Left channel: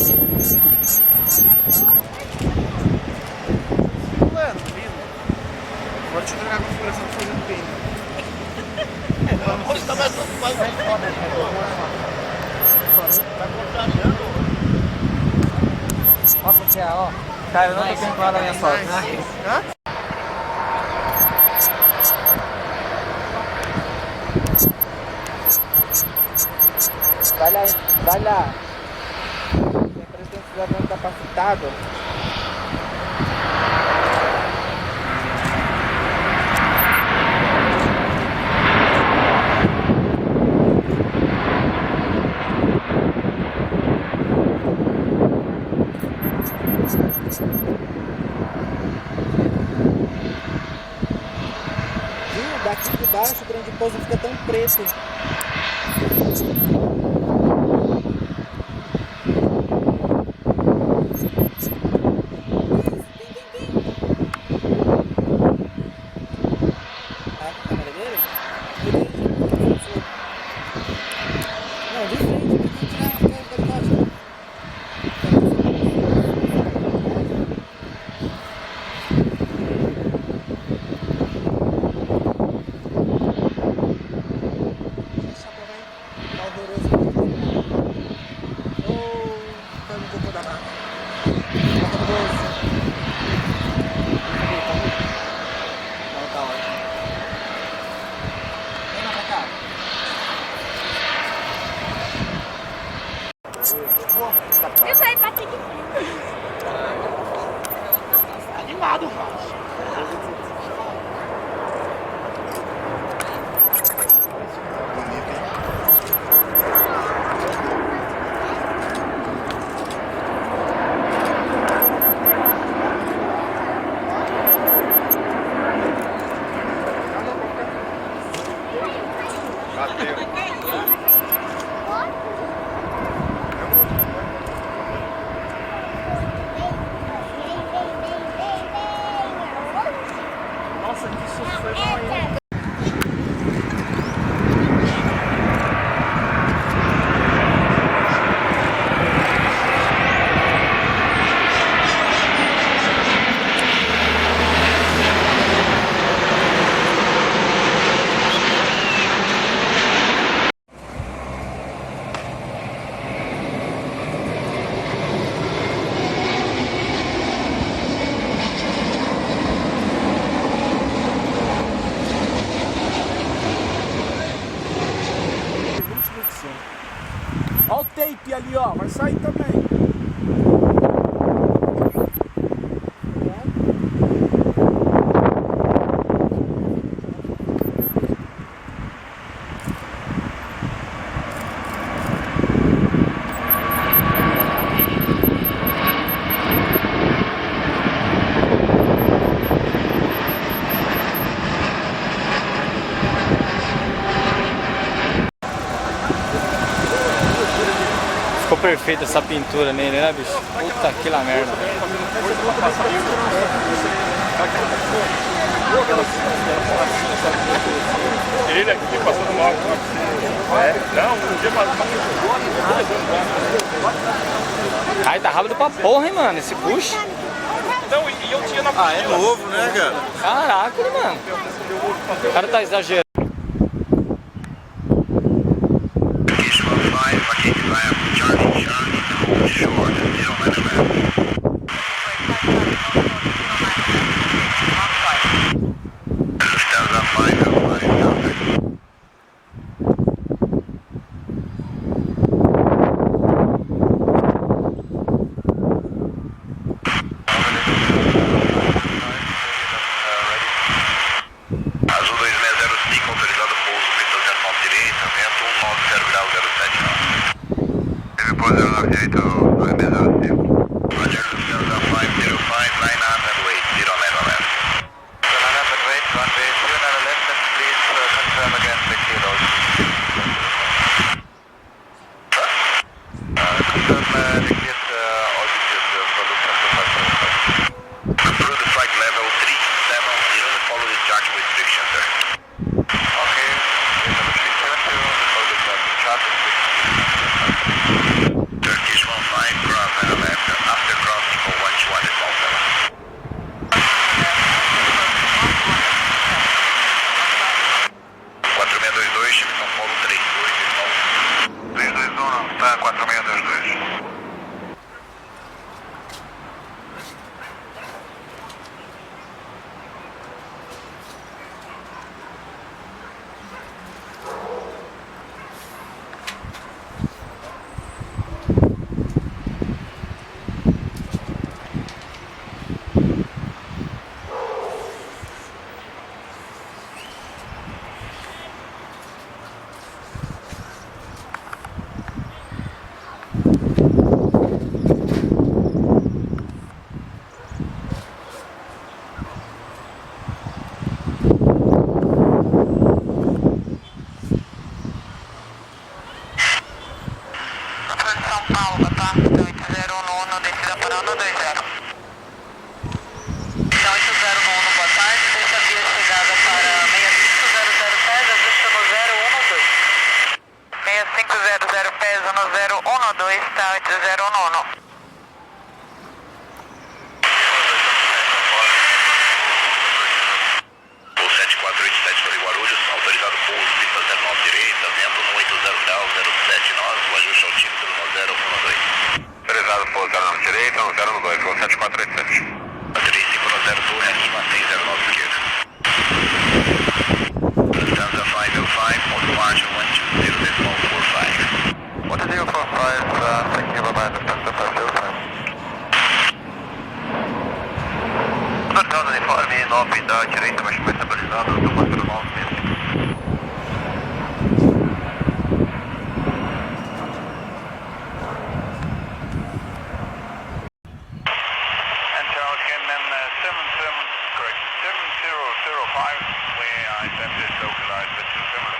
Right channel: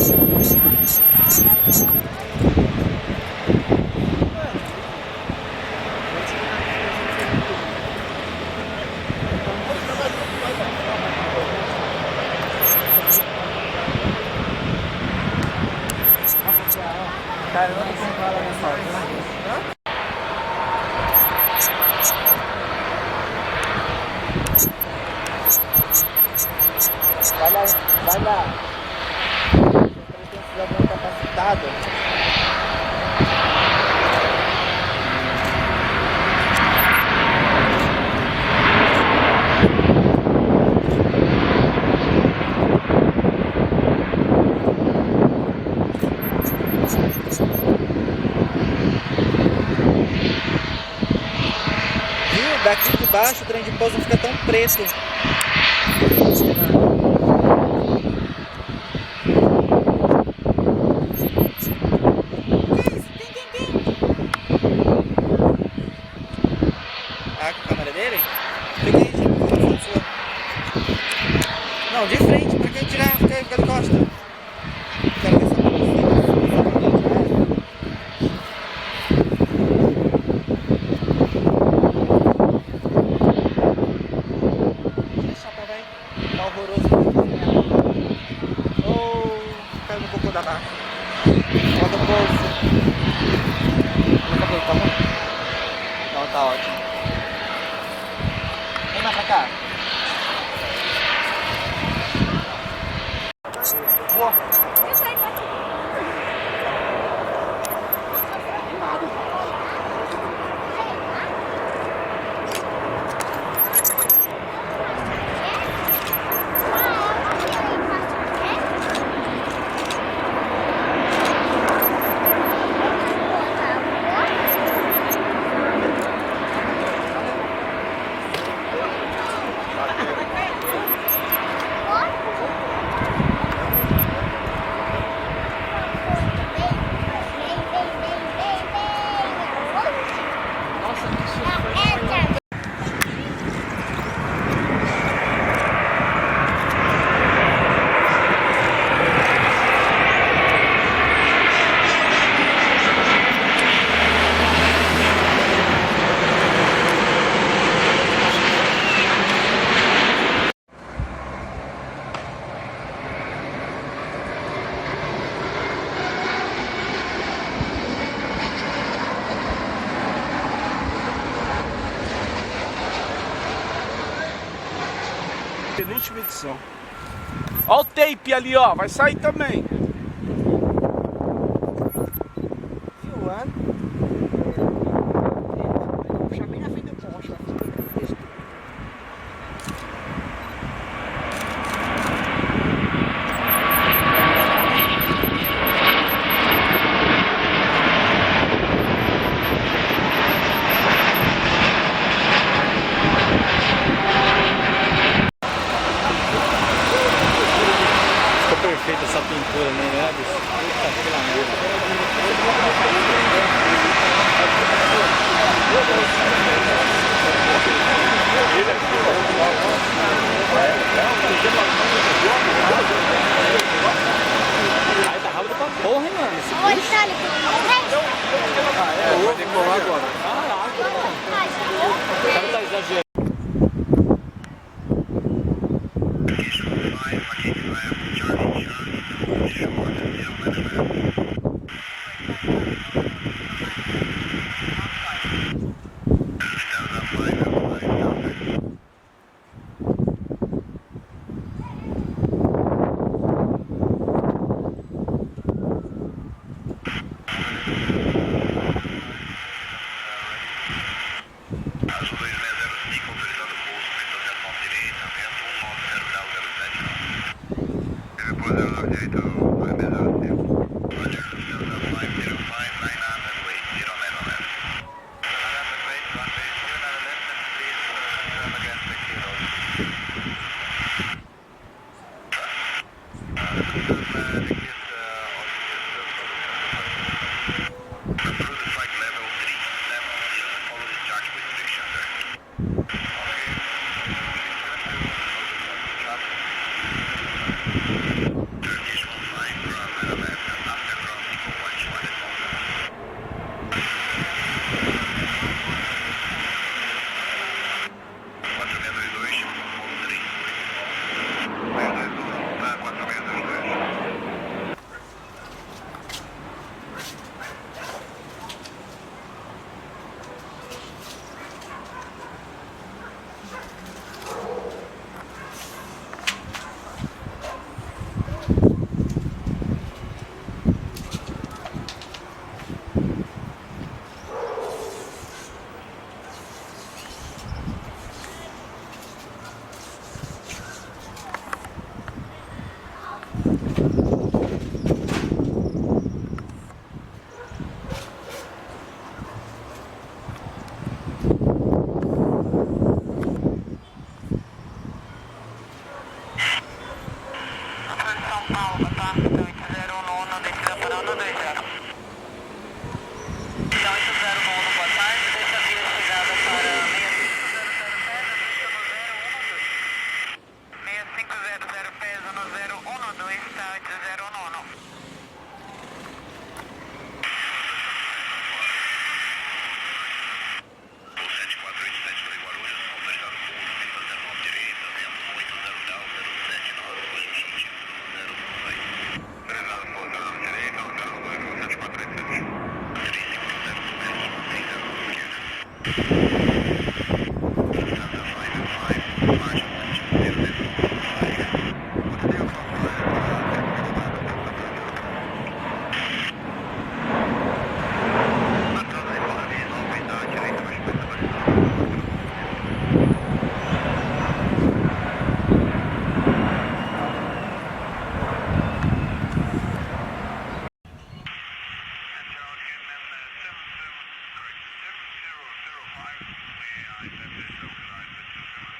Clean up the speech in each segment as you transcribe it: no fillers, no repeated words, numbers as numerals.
Nossa, ó. Cara, eu não tô com nada minhas fotos, né? Hã? Vai lá, vai lá. Tem um cidadão capacitado. Viu? Daqui de baixo o trem de pouso não fica tão preto. Tá com a câmera dele? Fica aí, gente. Não, de frente, pra quem tirar, fica de costa. Quero ver se eu tá horroroso. Caiu no cocô da raça. Bota no bolso. Tá ruim? Não, tá ótimo. Vem lá pra cá. Eu saí pra ti. Animado, rapaz. Nossa, que sofrimento. Olha o tape ali, ó. Vai sair também. Ficou perfeita essa pintura nele, né, bicho? Puta que la merda. Ai, tá rápido pra porra, hein, mano? Esse puxa. Ah, é novo, mano. Caraca, mano. O cara tá exagerando. Azul 2605 019, descida para 120. Então 80 no 1, boa tarde, deixa a via chegada para 6500 pés, ajusta no 012. 6500 pés no 012, tá 80 no 1. O 7487 para Guarulhos, autorizado pouso, pista 09 direita, vento no 80,079, ajuste ao título no 012. Autorizado pouso 09 direita, no 012, com 7487. 35 no 02, mantém 09 esquerda. Lufthansa 505, on margin 120.45. 120.45, 6 kilometers, Lufthansa de Farmi, 9 da direita, mas foi estabilizado, do 49 mesmo. And Charles Cannon 7005, where I attempted localized but too similar.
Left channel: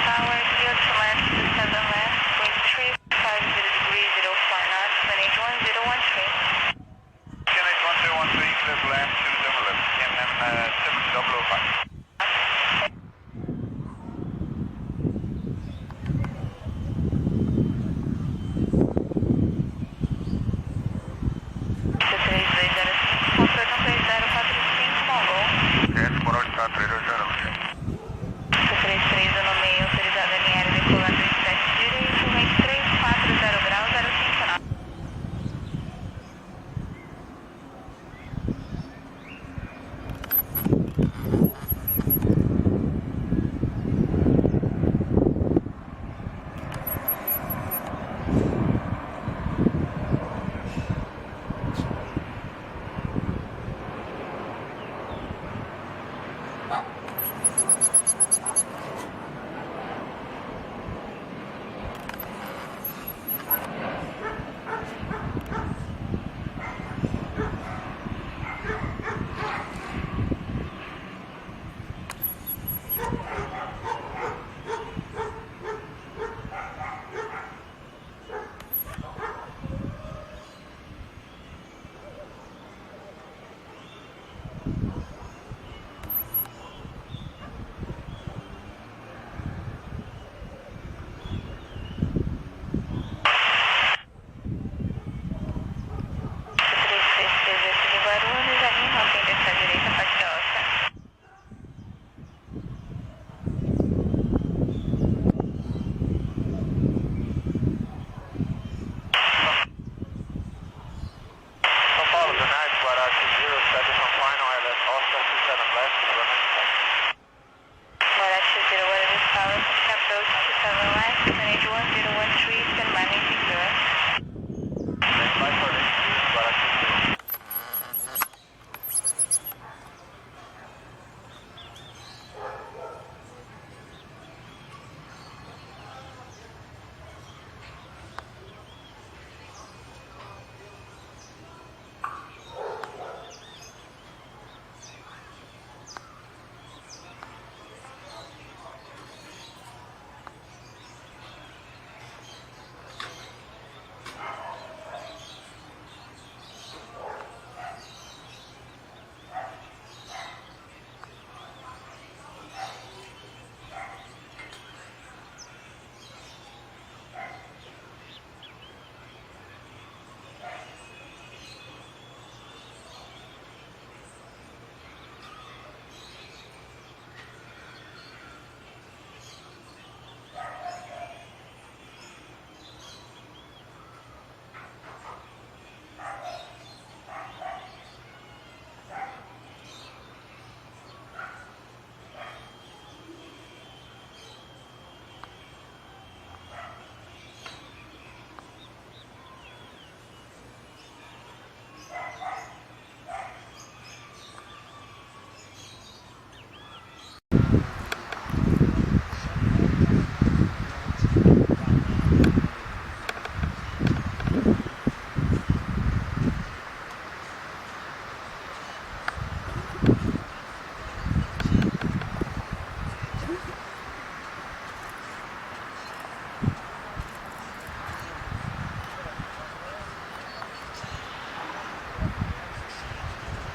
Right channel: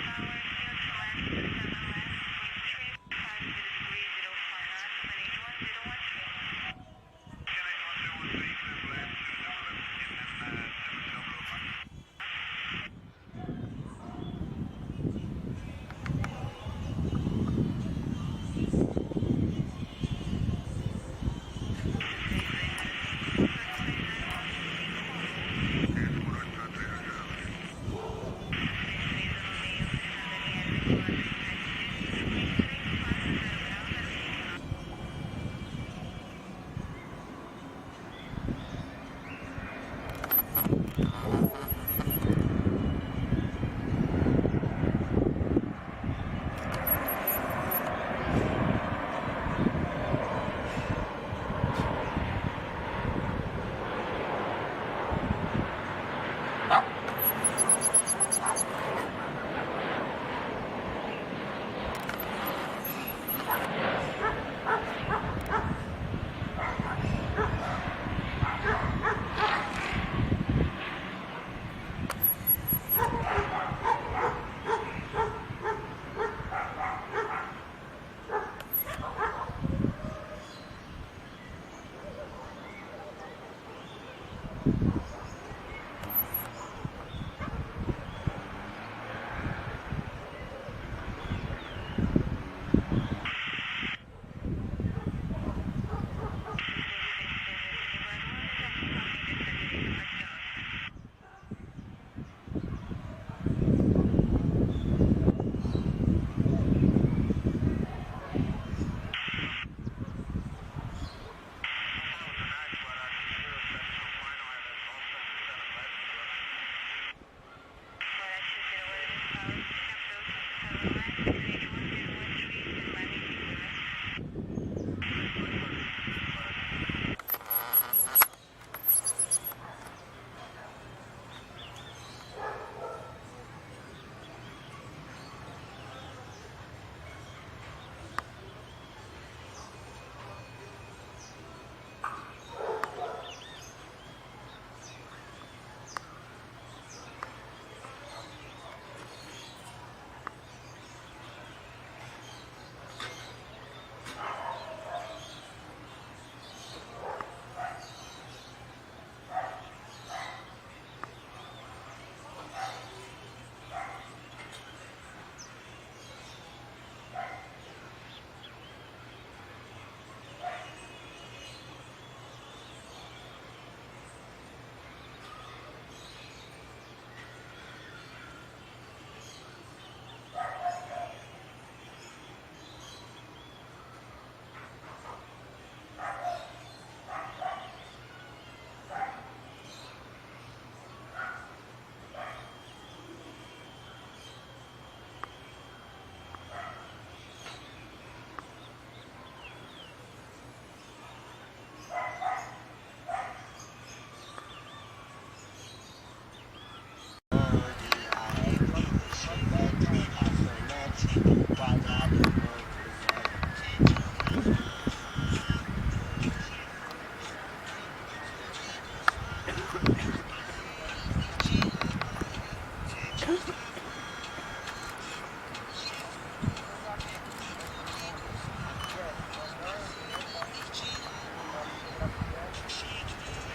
Tower, clear to land, descend on left, wind 350 degrees,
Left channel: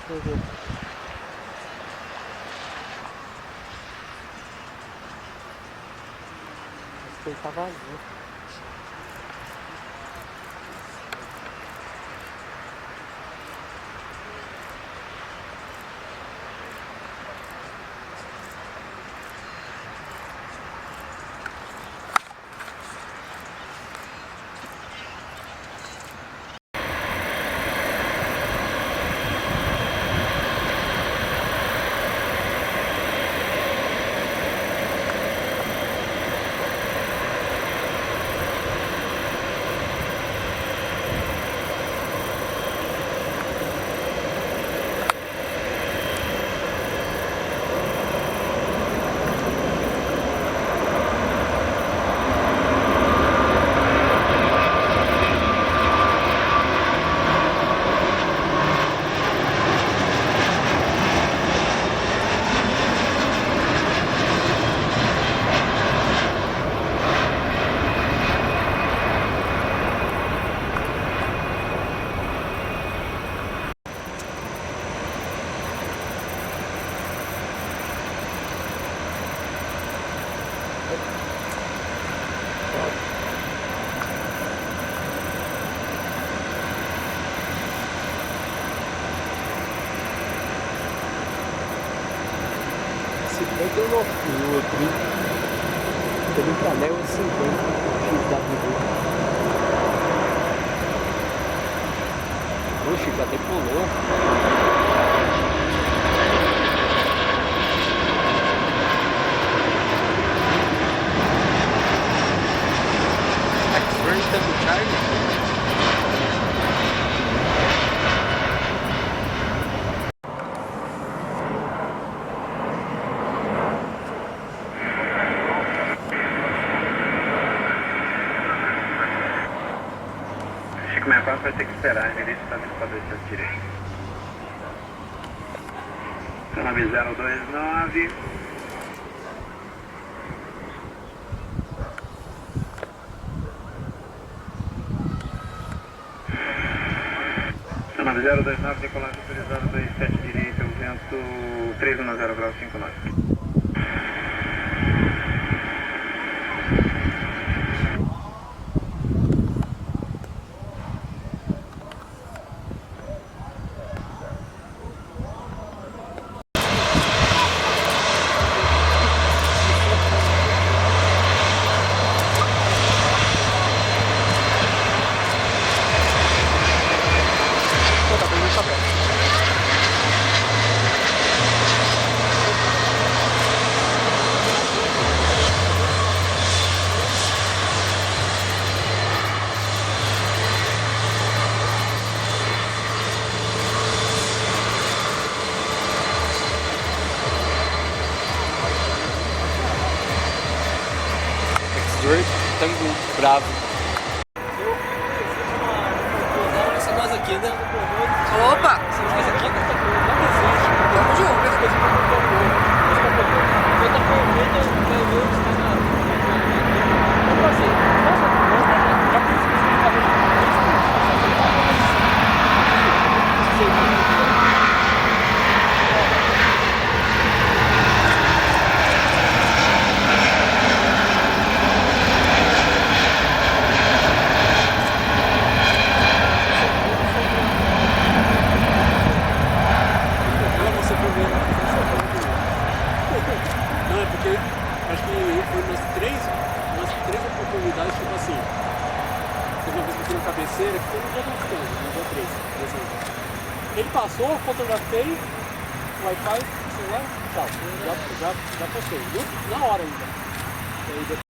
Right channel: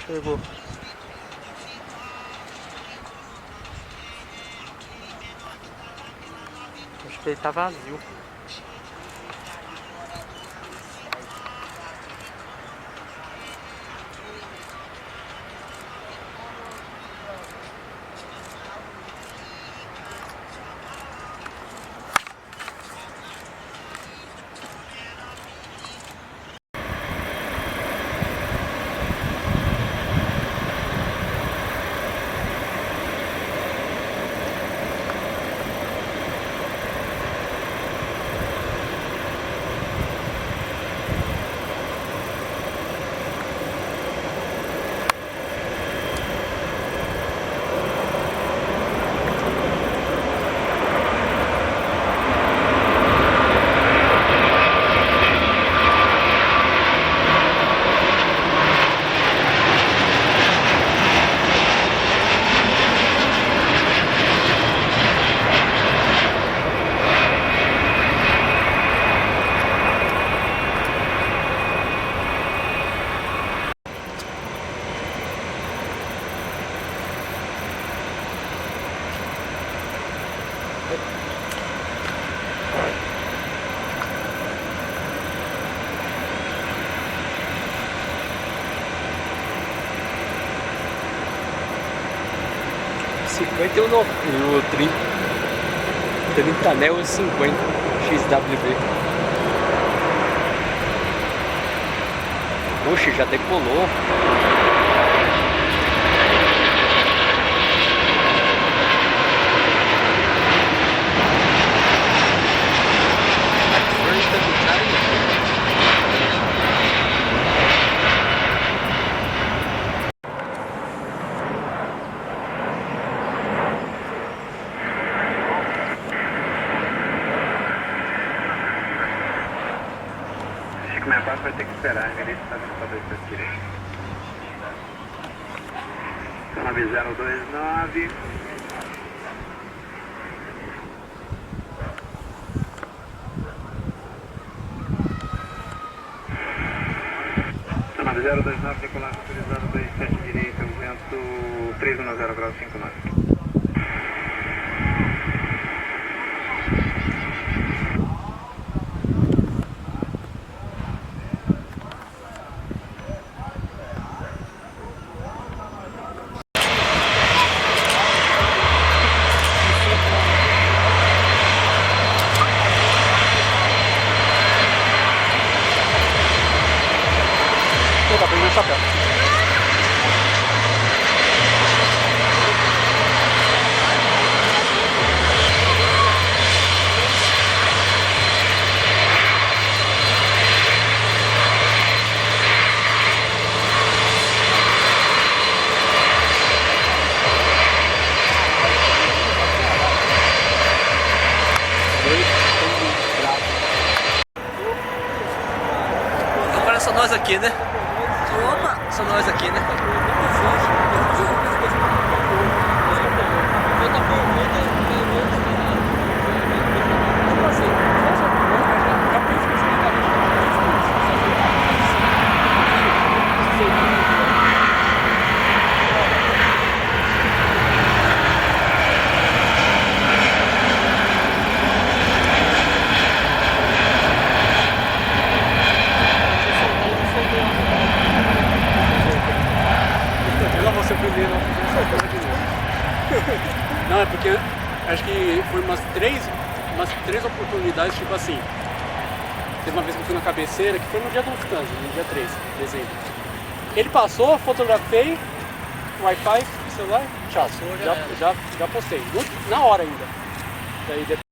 Chegou. Acho que ele tá vazio. No 30 anel e 50 XWB. Oxe, já decolou. Minha parte vai ter que esperar, ele está no padrão de direito. 9029. Nave 029, decolagem autorizada 27 direita, o vento 310 graus 59. Estamos bravos. Agora são nós aqui, né? Opa! São nós aqui, né? Não, é porque acho que foi umas três oportunidades, tipo assim. Teve uma vez que eu fui na cabeceira, que foi no dia do descanso, no dia 3 de dezembro. Ele passou, fotografei, Wi-Fi, celular, tchau. Já postei. Na hora ainda. E aí depois